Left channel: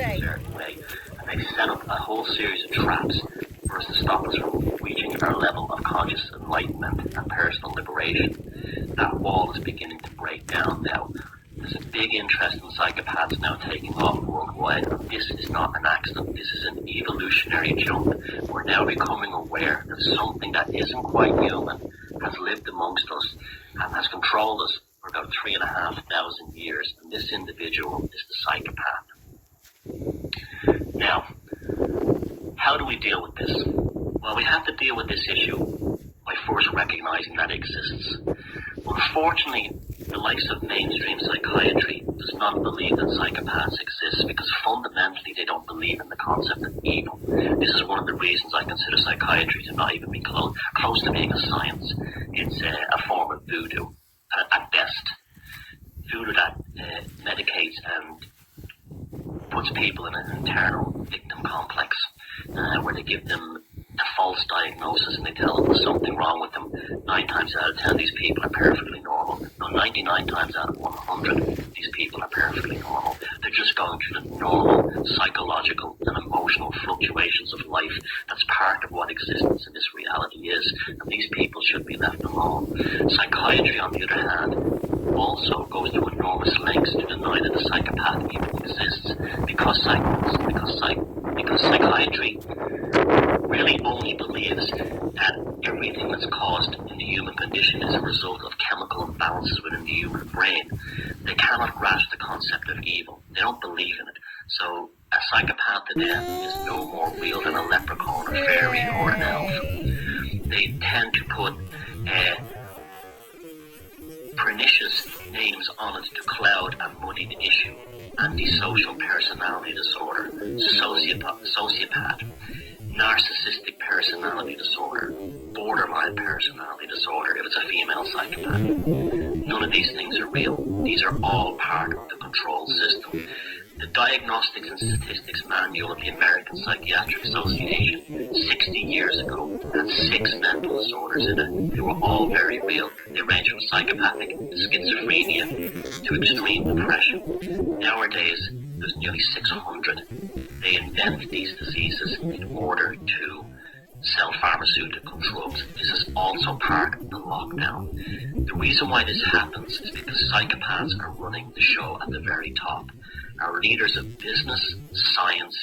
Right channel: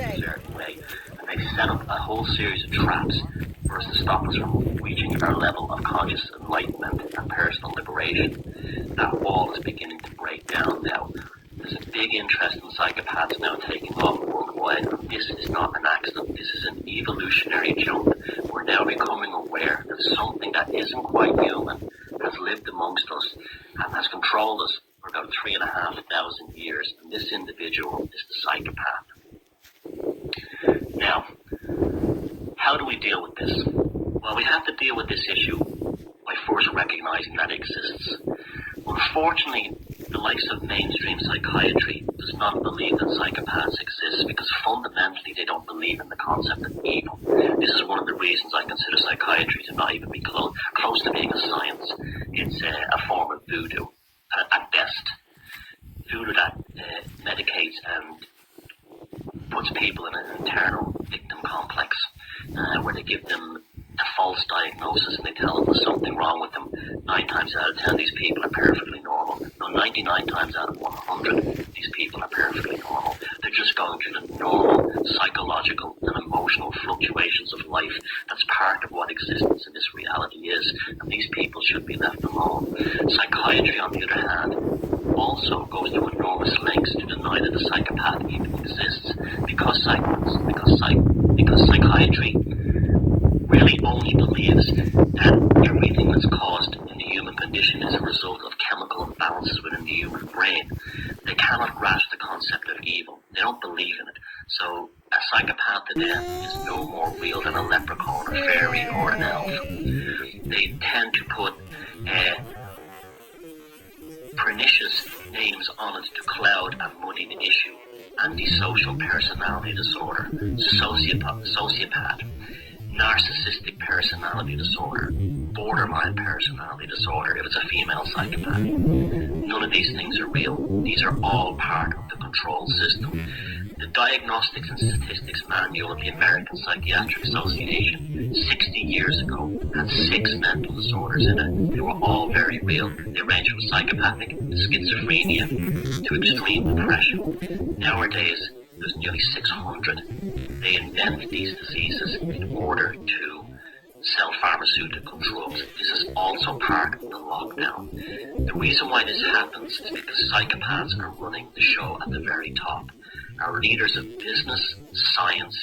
a certain way, and they've set up a whole series of traps for us to stop us from reaching our level of conscious enlightenment and personal liberation. That wall is beginning to break down now. There's a big interest in psychopaths now taking off worldwide, and this is not an accident. This is an evolutionary jump. We're now becoming aware that something that isn't quite human has lived amongst us and has controlled us for about 3,500 years, and this individual is the psychopath. Now, how do we deal with this? Well, we have to deal with this issue by first recognizing that it exists. Unfortunately, the likes of mainstream psychiatry does not believe that psychopaths exist because fundamentally they don't believe in the concept of evil. This is one of the reasons I consider psychiatry to not even be close to being a science. It's a form of voodoo, at best. Voodoo that medicates and puts people in an internal victim complex where they give them a false diagnosis and they tell them there's something wrong with them. 9 times out of 10 these people are perfectly normal. No, 99 times out of 100 these people are perfectly normal. They're just going through the normal psychological and emotional fluctuations of life. That's part of what existence in this reality is, and these people should be left alone. Psychiatry, on the other hand, also goes to enormous lengths to deny that the psychopath even exists because psychiatry really only believes that everything that's caused in the human condition is a result of chemical imbalances within the human brain. They cannot grasp the concept of evil. They don't believe in it. So a psychopath to them is no more real than a leprechaun, a fairy, or an elf. They tend to put pernicious names on it to cloud and muddy the issue. Antisocial personality disorder, sociopath, narcissistic personality disorder, borderline personality disorder if it's a female psychopath. None of these things are real. These are all part of the control system. The Diagnostics and Statistics Manual of the American Psychiatric Association 60 years ago had 6 mental disorders in it. They were all very real. They range from psychopathic to schizophrenia to extreme depression. Nowadays, there's nearly 600. They invent these diseases in order to sell pharmaceutical drugs. This is also part of the lockdown. The reason why this happens is because psychopaths are running the show at the very top. Our leaders of business, science,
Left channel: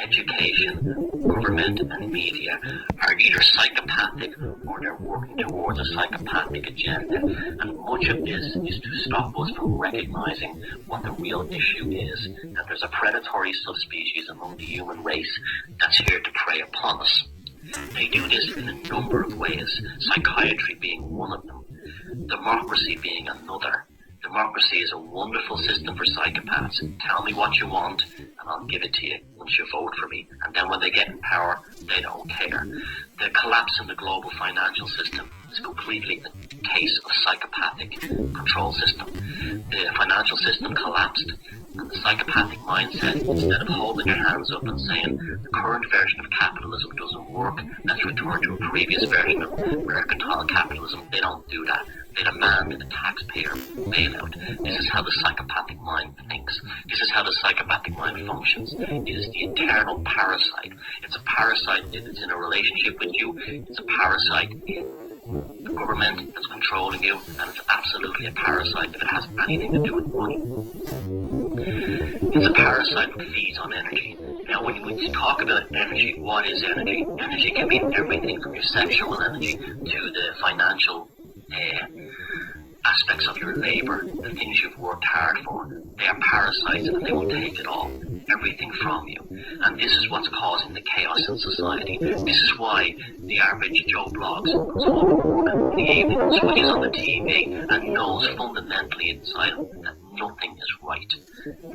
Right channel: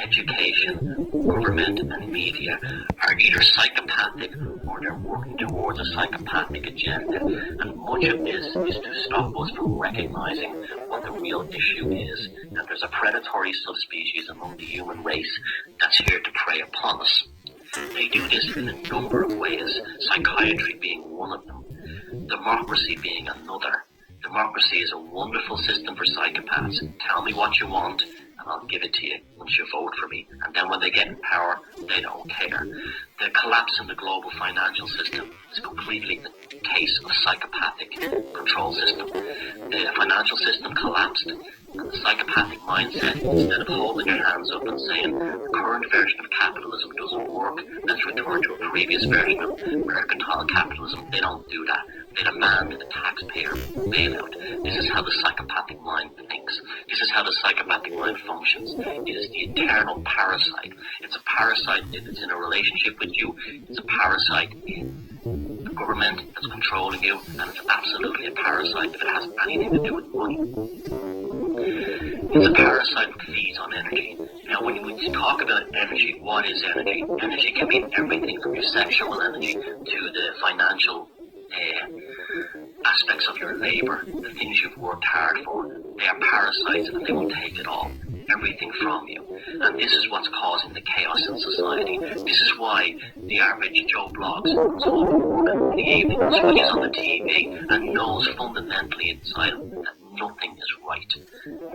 education, government, and media are either psychopathic or they're working towards a psychopathic agenda. And much of this is to stop us from recognizing what the real issue is, that there's a predatory subspecies among the human race that's here to prey upon us. They do this in a number of ways, psychiatry being one of them, democracy being another. Democracy is a wonderful system for psychopaths. Tell me what you want and I'll give it to you once you vote for me. And then when they get in power, they don't care. The collapse in the global financial system is completely a case of psychopathic control system. The financial system collapsed, and the psychopathic mindset, instead of holding your hands up and saying the current version of capitalism doesn't work, let's return to a previous version of mercantile capitalism, they don't do that. They demand the taxpayer bailout. This is how the psychopathic mind thinks. This is how the psychopathic mind functions. It is the eternal parasite. It's a parasite if it's in a relationship with you. It's a parasite in the government that's controlling you. And it's absolutely a parasite if it has anything to do with money. It's a parasite that feeds on energy. Now, when we talk about energy, what is energy? Energy can mean everything from your sexual energy to the financial aspects of your labor, the things you've worked hard for. They are parasites and they will take it all, everything from you. And this is what's causing the chaos in society. This is why the average Joe Bloggs comes home from work in the evening, switches on the TV, and knows fundamentally inside him that nothing is right.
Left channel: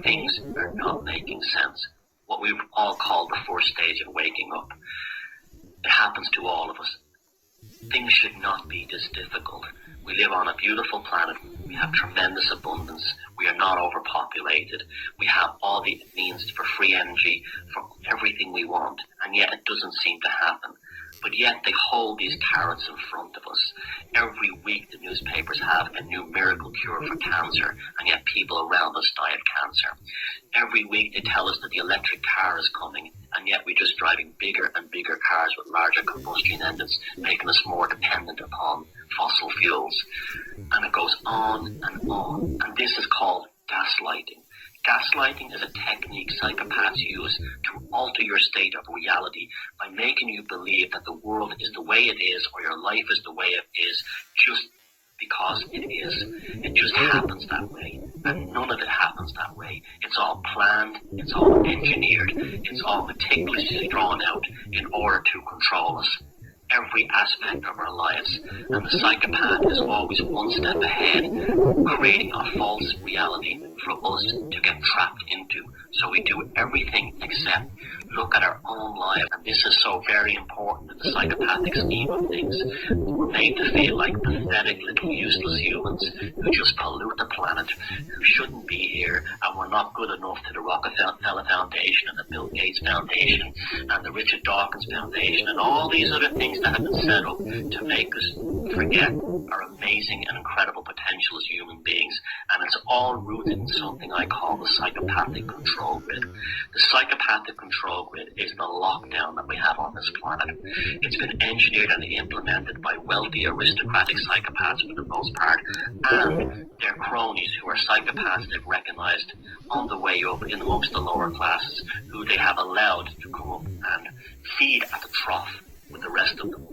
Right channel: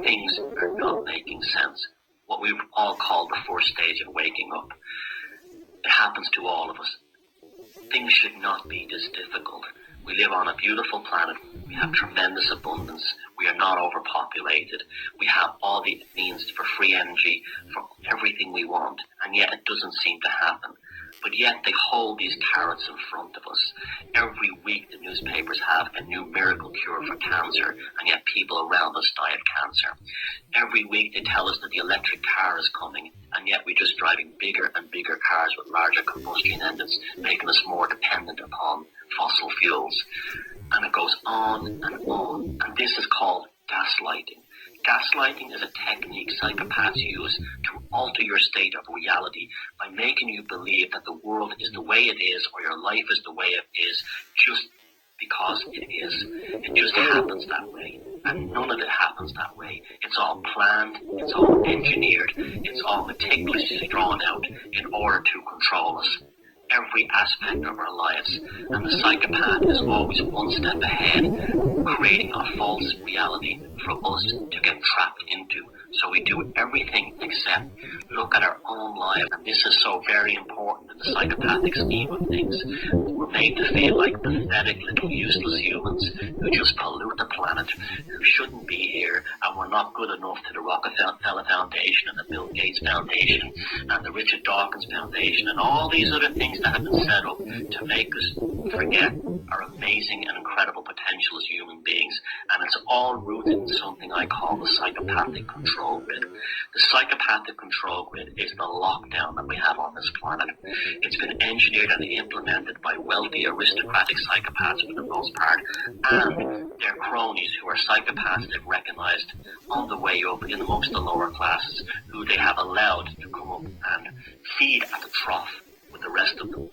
Things are not making sense. What we all call the first stage of waking up. It happens to all of us. Things should not be this difficult. We live on a beautiful planet. We have tremendous abundance. We are not overpopulated. We have all the means for free energy, for everything we want, and yet it doesn't seem to happen. But yet they hold these carrots in front of us. Every week the newspapers have a new miracle cure for cancer, and yet people around us die of cancer. Every week they tell us that the electric car is coming, and yet we're just driving bigger and bigger cars with larger combustion engines, making us more dependent upon fossil fuels. And it goes on and on. And this is called gaslighting. Gaslighting is a technique psychopaths use to alter your state of reality by making you believe that the world is the way it is, or your life is the way it is, just because it is. It just happens that way. And none of it happens that way. It's all planned, it's all engineered, it's all meticulously drawn out in order to control us. Every aspect of our lives, and the psychopath is always one step ahead, creating a false reality for us to get trapped into. So we do everything except look at our own lives, and this is so very important in the psychopathic scheme of things. We're made to feel like pathetic little useless humans who just pollute the planet, who shouldn't be here, and we're not good enough to the Rockefeller Foundation and the Bill Gates Foundation and the Richard Dawkins Foundation and all these other things that have been set up to make us forget our amazing and incredible potential as human beings. And it's all rooted in something I call the psychopathic control grid. The psychopathic control grid is the lockdown that we have on this planet. It's been engineered and implemented by wealthy aristocratic psychopaths for the most part, and their cronies who are psychopaths they've recognized on the way up in amongst the lower classes, who they have allowed to come up and feed at the trough with the rest of them.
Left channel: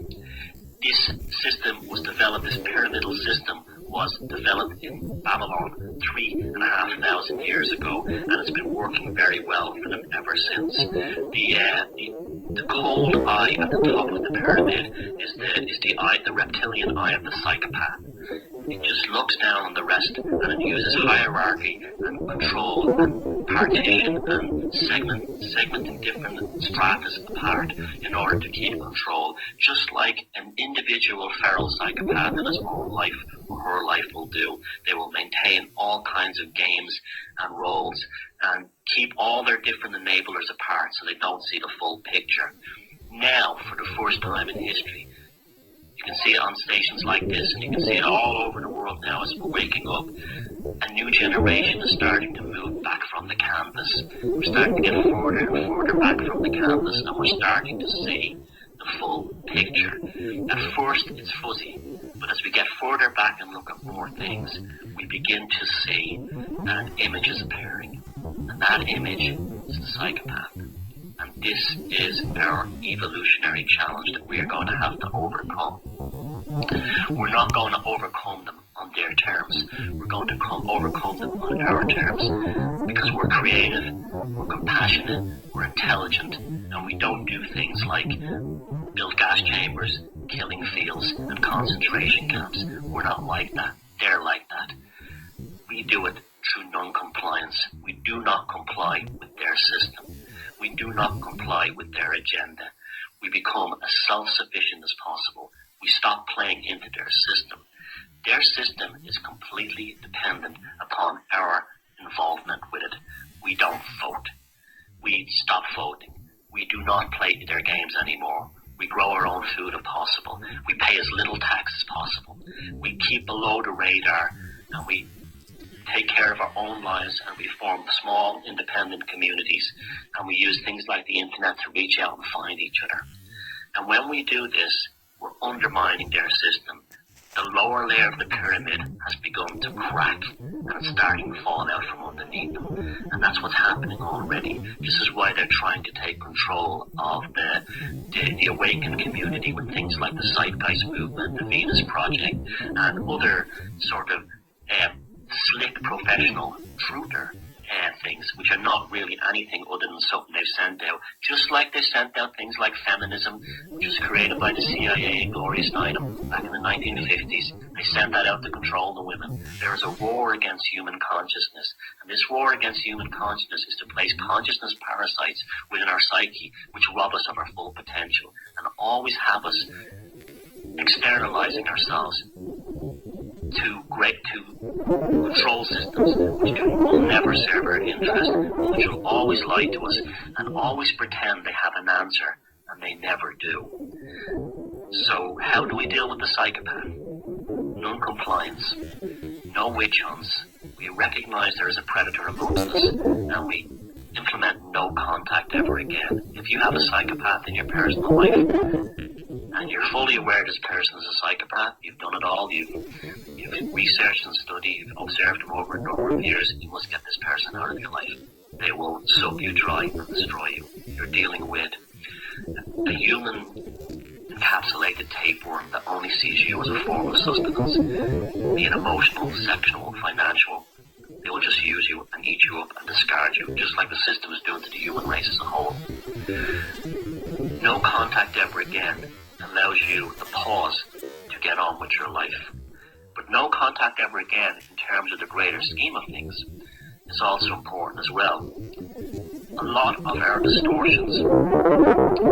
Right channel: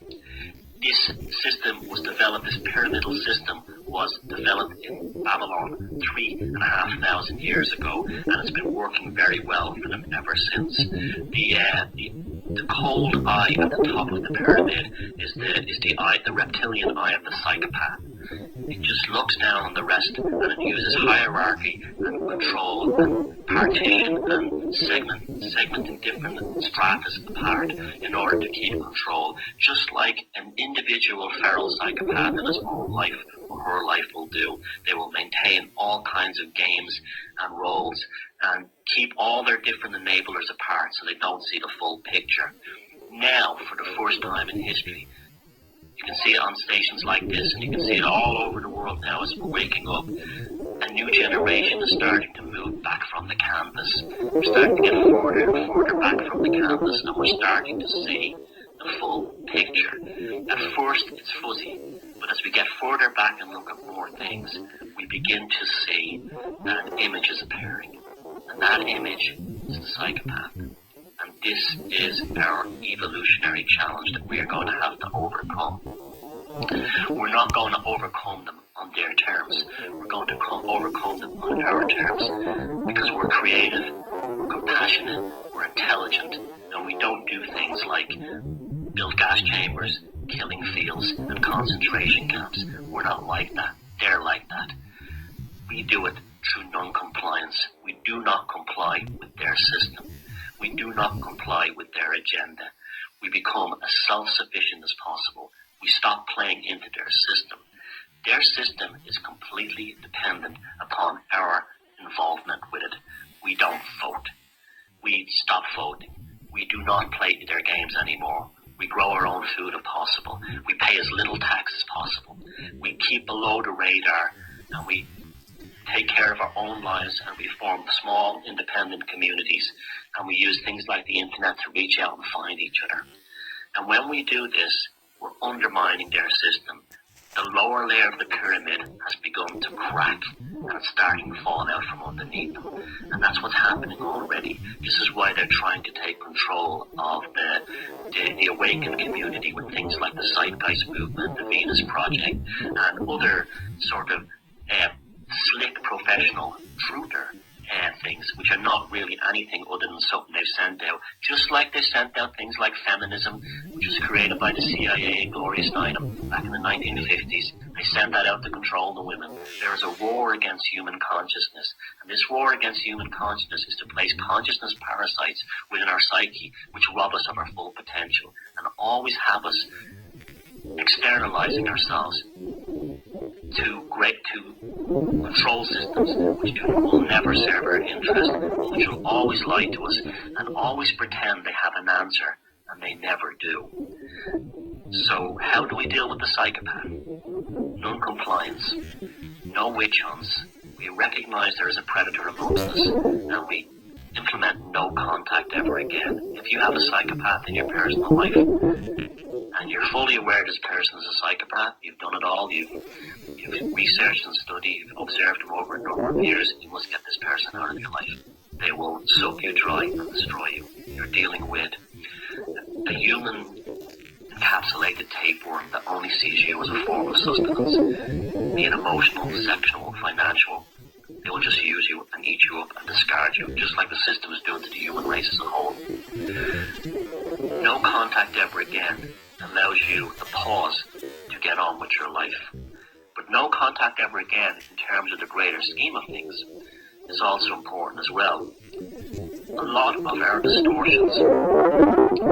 This system was developed, this pyramidal system was developed in Babylon 3,500 years ago, and it's been working very well for them ever since. The cold eye at the top of the pyramid is the eye, the reptilian eye of the psychopath. It just looks down on the rest, and it uses hierarchy and control and partition and segmenting different stratas apart in order to keep control, just like an individual feral psychopath in his own life or her life will do. They will maintain all kinds of games and roles and keep all their different enablers apart so they don't see the full picture. Now, for the first time in history, you can see it on stations like this, and you can see it all over the world now as we're waking up. A new generation is starting to move back from the canvas. We're starting to get further and further back from the canvas, and we're starting to see the full picture. At first, it's fuzzy, but as we get further back and look at more things, we begin to see that an image is appearing. And that image is the psychopath. And this is our evolutionary challenge that we are going to have to overcome. We're not going to overcome them on their terms. We're going to overcome them on our terms, because we're creative, we're compassionate, we're intelligent, and we don't do things like build gas chambers, killing fields, and concentration camps. We're not like that. They're like that. We do it through non-compliance. We do not comply with their system. We do not comply with their agenda. We become as self-sufficient as possible. We stop playing into their system. Their system is completely dependent upon our involvement with it. We don't vote. We stop voting. We do not play their games anymore. We grow our own food if possible. We pay as little tax as possible. We keep below the radar, and we take care of our own lives, and we form small independent communities, and we use things like the internet to reach out and find each other. And when we do this, we're undermining their system. The lower layer of the pyramid has begun to crack, and it's starting to fall out from underneath them. And that's what's happening already. This is why they're trying to take control of the awakened community with things like the Zeitgeist movement, the Venus Project, and other sort of slick professional truther things, which are not really anything other than something they've sent out. Just like they sent out things like feminism, which was created by the CIA and Gloria Steinem back in the 1950s. They sent that out to control the women. There is a war against human consciousness, and this war against human consciousness is to place consciousness parasites within our psyche, which rob us of our full potential and always have us externalizing ourselves to control systems which will never serve our interest, which will always lie to us and always pretend they have an answer and they never do. So how do we deal with the psychopath? Non-compliance, no witch hunts. We recognize there is a predator amongst us, and we implement no contact ever again. If you have a psychopath in your personal life, and you're fully aware this person is a psychopath, you've done it all, you've researched and studied, you've observed them over a number of years, you must get this person out of your life. They will suck you dry and destroy you. You're dealing with a human encapsulated tapeworm that only sees you as a form of sustenance, be it emotional, sexual, financial. They will just use you and eat you up and discard you, just like the system is doing to the human race as a whole. No contact ever again allows you the pause to get on with your life. But no contact ever again in terms of the greater scheme of things is also important as well. A lot of our distortions,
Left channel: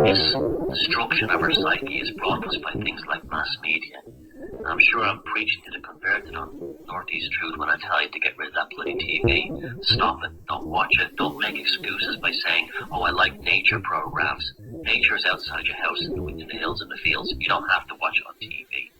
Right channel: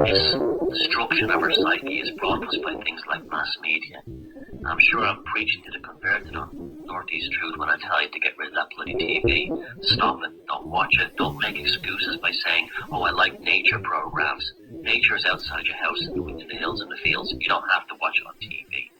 this destruction of our psyche is brought to us by things like mass media. I'm sure I'm preaching to the converted on Northeast Truth when I tell you to get rid of that bloody TV. Stop it. Don't watch it. Don't make excuses by saying, oh, I like nature programs. Nature is outside your house in the hills and the fields. You don't have to watch it on TV.